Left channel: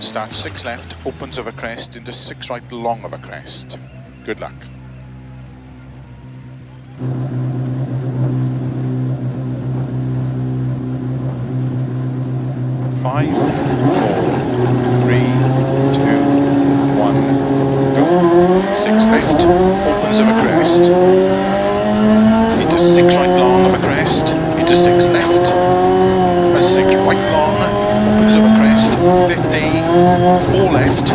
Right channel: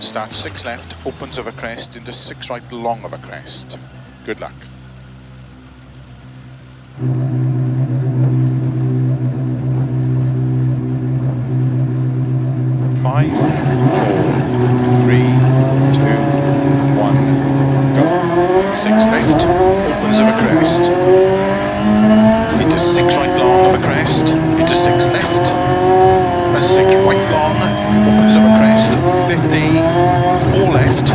Start 6 left, opens over crest into 6 right, long over crest. Good luck. Five, 4, 3, 2, 1, go. 6 left, opens over crest. Into 6 right long over crest. Into 6 left. And 6 right long, opens over crest. 50, 4 left.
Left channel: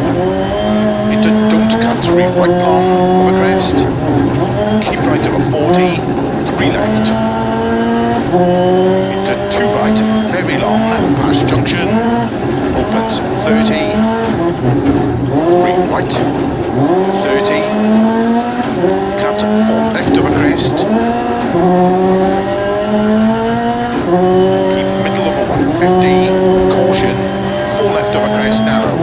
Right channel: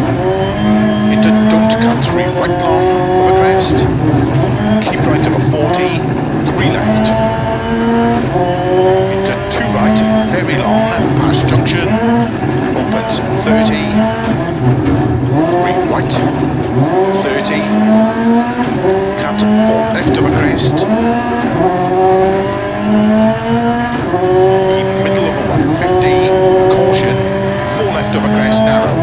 Into don't cut 3 right long over crest. Keep right over 40, 3 left. Into 2 right, very long, past junction, opens 30, 3 right, 30, cut 4 left over crest, keep middle over 150, caution, 4 left over crest, narrow,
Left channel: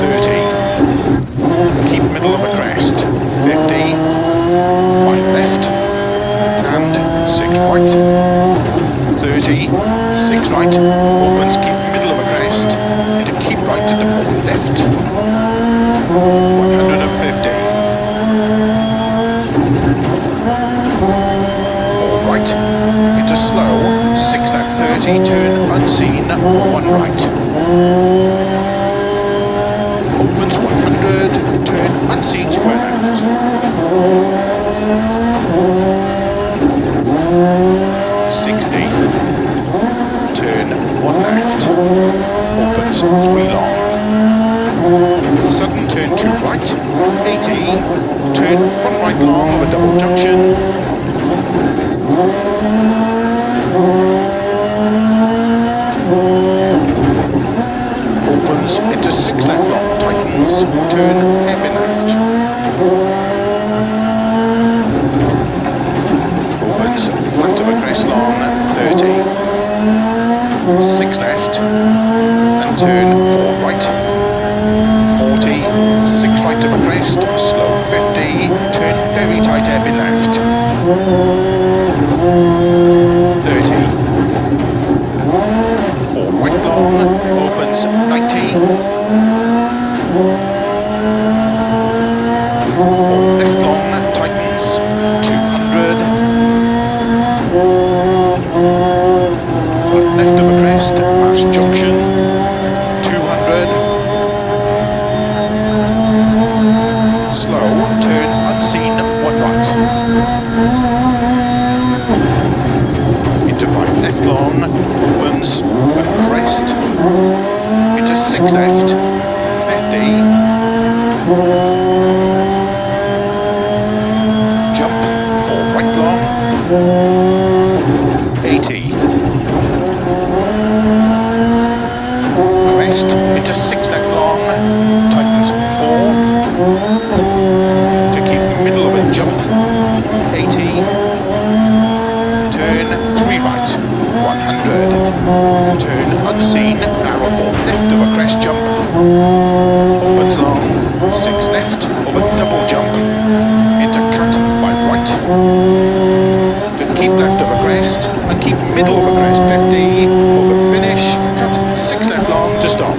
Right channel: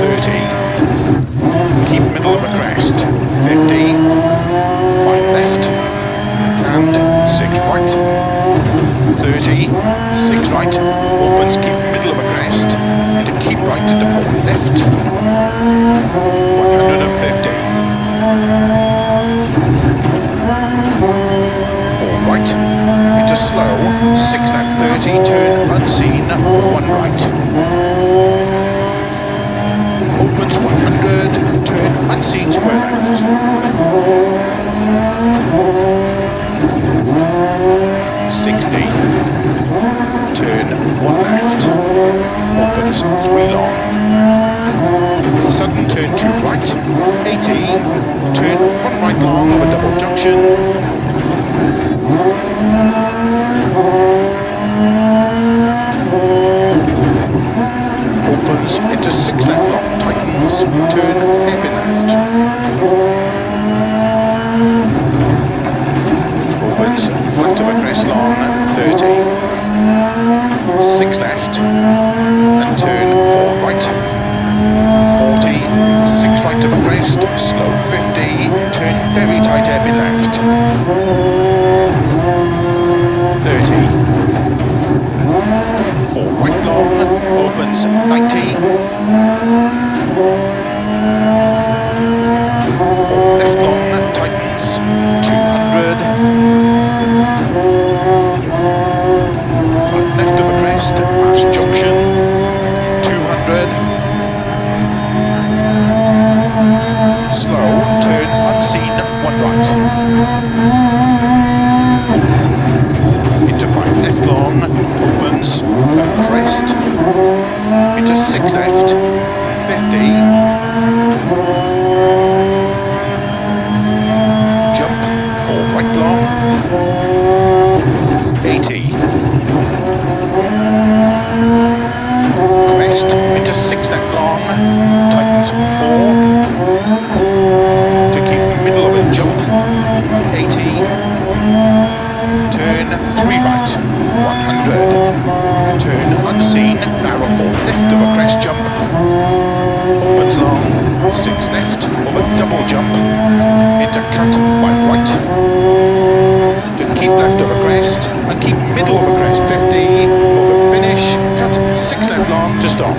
30, keep middle over crest, 50, 5 left, and 6 right, 30, 6 right, opens, keep middle of a crest, into keep right into 4 left, 150, 4 right, into slow, 6 left, 30, turn unseen, 1 right, opens 100, turn unseen, square left, 60, turn 1 left, opens 3 long, sudden turn 2 right, 80, turn 1 right long over double junction, opens into 6 left long, tightens, turn hairpin left, opens flat of a crest long, 30, 6 left, and turn 4 right, 40, 6 right of a crest, slow 50, turn very tight hairpin left, 30, 4 right long, opens 90, 4 left long, tightens, 200, flat left of a crest, past junction, 200, slow, turn unseen, 1 right, into 5 left long, opens, a crest, into 6 left, 50, jump, 4 right long, 80, crest, into 6 left long, tightens 4, to keep middle of a jump, 80, turn 3 right, 100, turn unseen, narrow 4 left of a crest jump, opens long, 6 left of a double jump, into cut 5 right, to keep left of a crest, and keep middle of a crest, 50, over finish, cut 6 left long to stop.